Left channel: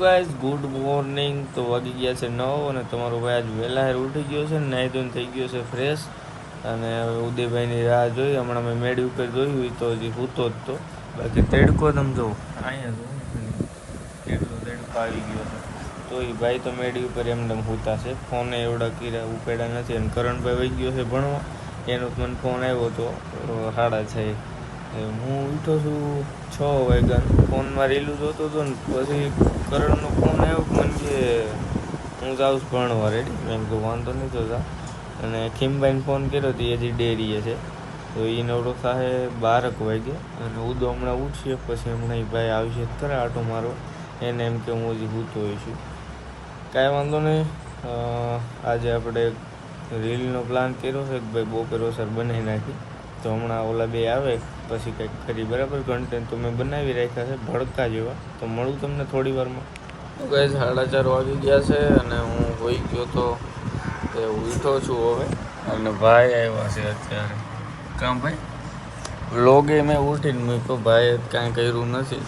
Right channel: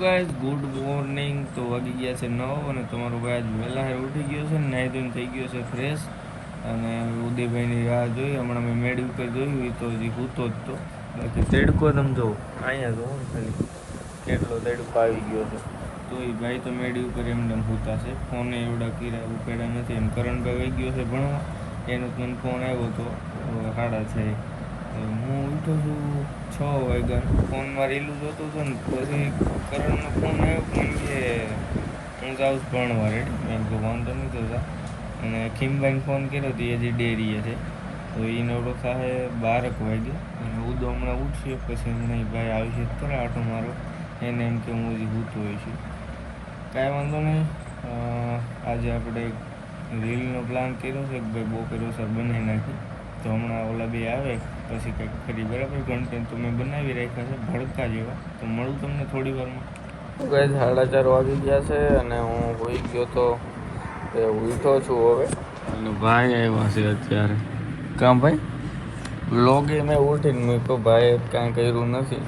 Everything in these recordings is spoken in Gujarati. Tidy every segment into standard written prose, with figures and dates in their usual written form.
Guys good morning. તો વાગી ગયા છે 9 અને તમારો ભાઈ આજ વહેલા ઉઠી ગયો છે, નાહી ધોઈને થઈ ગયો છે ફ્રેશ. અને ઉદયભાઈની રાહ જોઈ. હમણાં મેં મેડી ઉપર જોયું તો હજી સૂતો જ તો. બાકી તડકો તમે જો અહીંયા જો ખાલી કેટલો તડકો આવી ગયો છે. તો એ ભાઈ તો મેડી ઉપર એમને સૂતા છે. ફોને એવડા કીરા ઉપાડ્યા નથી. અને કરણભાઈ વહી ગયો છે ભણવા. એનો પણ ફોન આવ્યો હતો 6:30. હું ઉઠો છું 6 વાગ્યા. ફોનમાં રીલું જોતો હતો ને પછી કરણનો ફોન આવ્યો પણ કે હું જાઉં છું ભણવા રેડી. મેં કીધું વાંધો નહીં જોતા. અને ખીમભાઈને ફોન કર્યો તો એ હજી ડેરીએ છે. તો એ નવડો ખાહે 12 વાગે. અને ઉદો હમણાં ઉઠશે પછી હમણાં ભાઈ આવશે ખરા આટો મારો. એને એમ કે હું હજી સૂતો હોઈશું. કાંઈ વાંધો નહીં. આજે આપણે રીલનો પ્લાન કર્યો છે કે ભાઈ બપોર સર બનાવી નાખી. તો હમણાં ઓલા બે આવે પછી કંઈક ખરી બરાબર કન્ટેન્ટ તો મેં બનાવી રાખ્યા છે ભડકા જેવા. તો મળું તમને થોડી વારમાં. તો ગાઈસ 4:30 વાગી ગયા છે અને હું હોઈ ગયો તો ઉઠો છું હવે. અને ભાઈ આવ્યા છે અત્યારે. કાં ભાઈ વ્લોગે મેં ઉઠીને મેં કહું ભાઈ કાંઈ કર્યું નથી.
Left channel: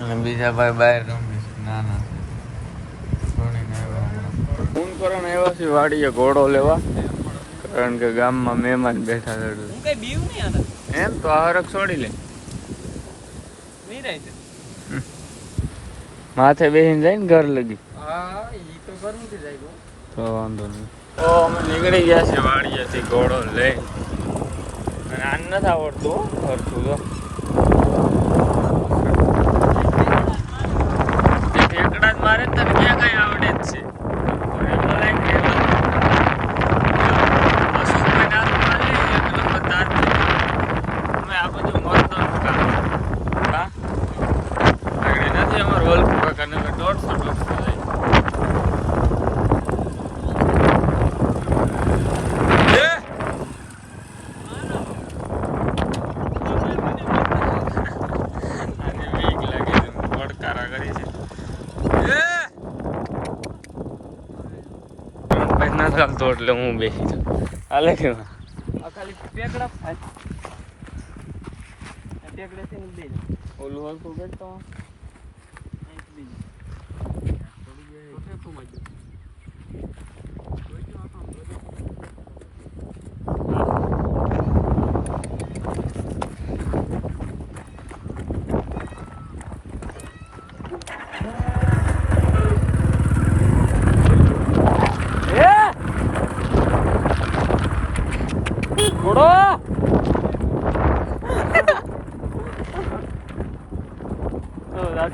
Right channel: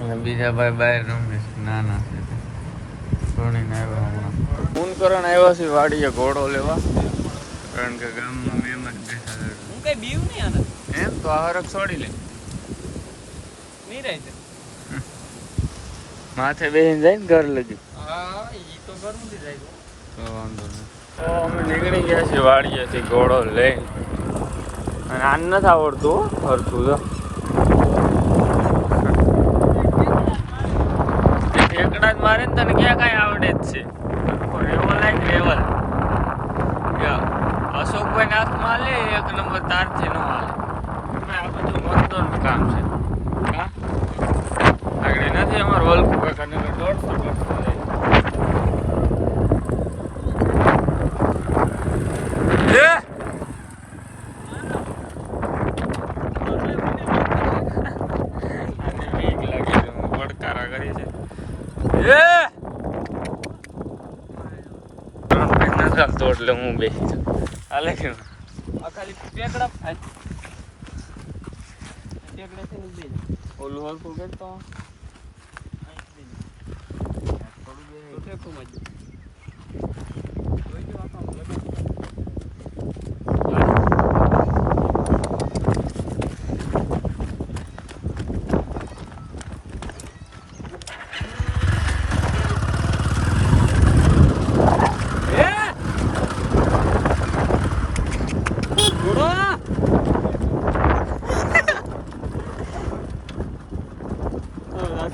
અને બીજા ભાઈ બહાર રમે છે નાના છે. ભણીને આવ્યા હમણાં ફોન કરણ આવ્યા છે વાડીએ ઘોડો લેવા. કારણ કે ગામમાં મહેમાન બેઠા છે. હું કઈ બીવ નહીં આના એમ તો આ હરખ છોડી લે નહીં રહે છે. માથે બેસીને જઈને ઘર લગી. હા ઈ તો ઘરનું જ જાય તો વાંધો નહીં. તો અમે નીકળી ગયા છીએ વાડીએથી ઘોડો લઈ. અને આને નથી આવડતું ફરતું તો ઠેકડા જ મારે તને ક્યાં કાંઈ આવડે જ છે. એટલે હું બેસી જાઉં. હાલે કે ખાલી ટેકડા ઓલું હલકું કરતો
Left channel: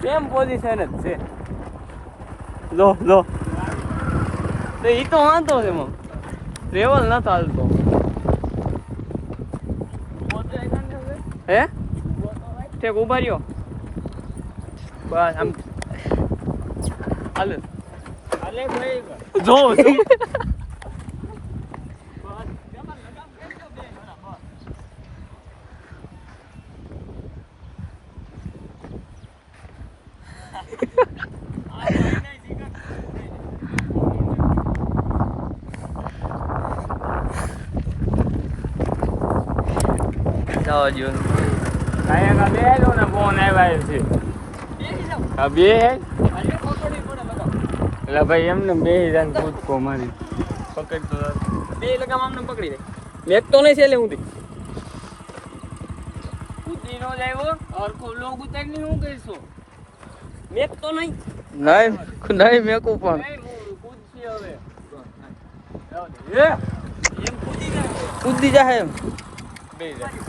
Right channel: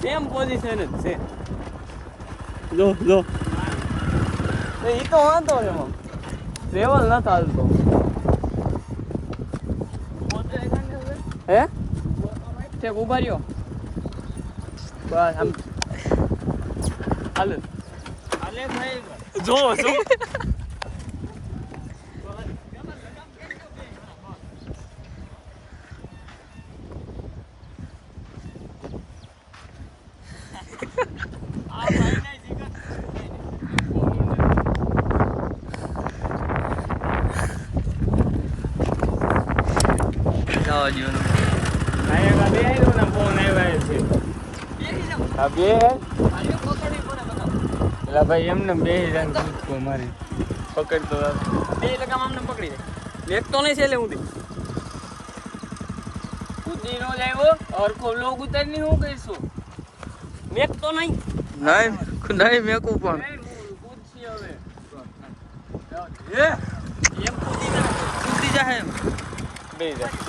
સેમ પોઝિશન જ છે. લો લો તો ઈ તો વાંધો ને લેવલ ન ચાલતો. હે ઠેક ઉભા રહ્યો બસ આમ હાલે હાલે જો જો જવા દો. આયા બે નો ને ફોન આવ્યા છે. આ બે એટલે ભાઈ એમને બે જાય કૂદકો મારી પકડતો બે લગામ આમને પકડી દે. મેક તો નહીં છે એટલે હું કૂદી નો જાયો ઓર કો લોગ ઉતરની હું કઈશું મેક તો નહીં નહીં મેકું પણ કૂદશી હવે એ એમ કૂદી જાય એમ બે જાય.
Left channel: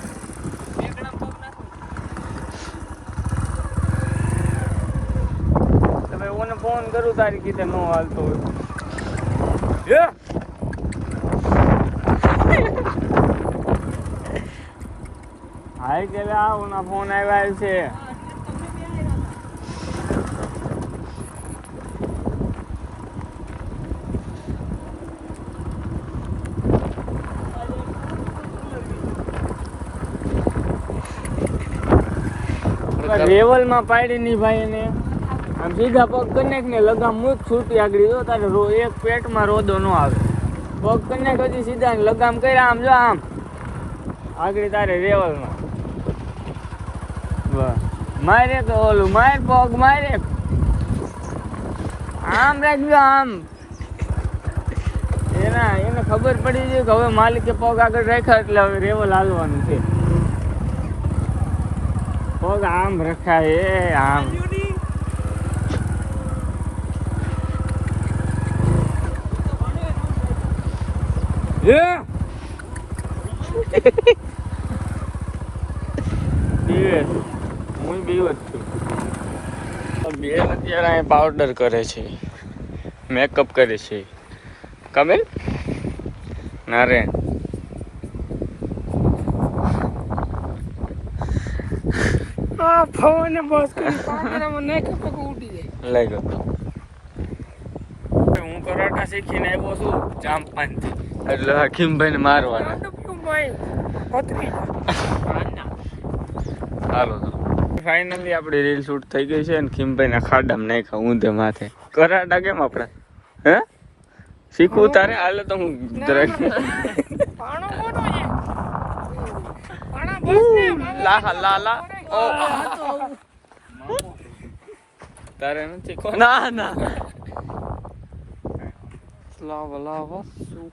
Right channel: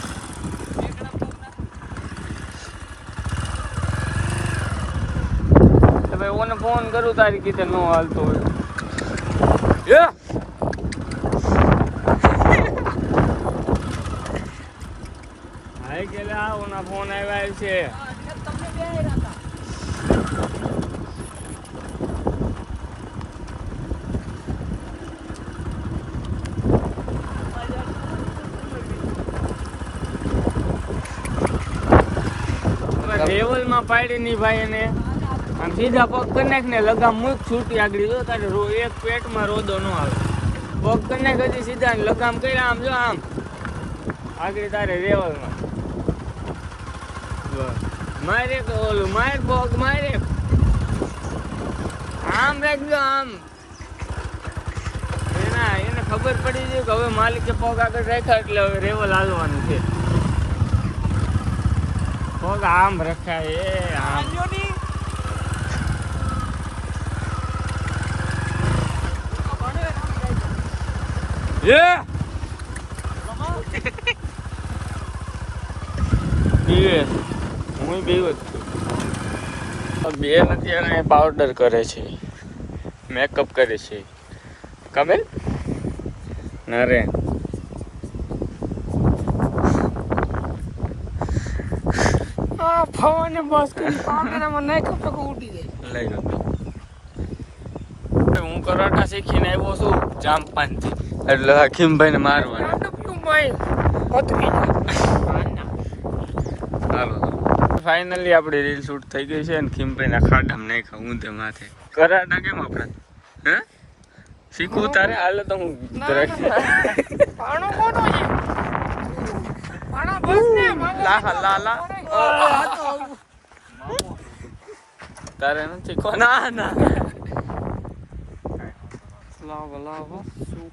ફોન કરું તારી કીધે નો હાલતો હોય. હાય કે આવો ના ફોન આવ્યા છે. રેવલમાં પાડી ની ભાઈ એને આમ સીધા પગ કનેક ને લગામ મૂક છૂટી આગળ જો તારે એક પેટમાં રોદો ન આવે. પગ કનેક હજી સીધા લગામ કર્યા આમ જો આમ આગળ તારે રેવલમાં મારે કે ઓલું માર પગ મારે આમ રાખજો આમ. એને ખબર પડી છે કે હવે માલિકે પગ આગળ રાખ્યા એટલે હવે રેવલ હાલવાનું છે. પગ આમ રખાય આમ. હું બે જ છું. બેન અત્યારે અહીં પાવડર કરે છે, મેકઅપ કરે છે. કમે નારે આ ફોને બોસ કરી પાવડરમાં નહીં કપતો કો ઉડી જાય લઈ ગયો. હું કરાટા શીખીને આવ્યો છું જામપાનથી, એટલે હકીમભાઈ ને મારવાના. હાલો તો ફાઇનલી આપણી રીલ શૂટ થઈ ગઈ છે અને ખીમભાઈ ના ખાડામાં નાખ્યા ઊંધે માથે. કરાટા કેમ આપણે હે શીખવું તારે હાલે તો હું તારે નથી ના ના લાવ શું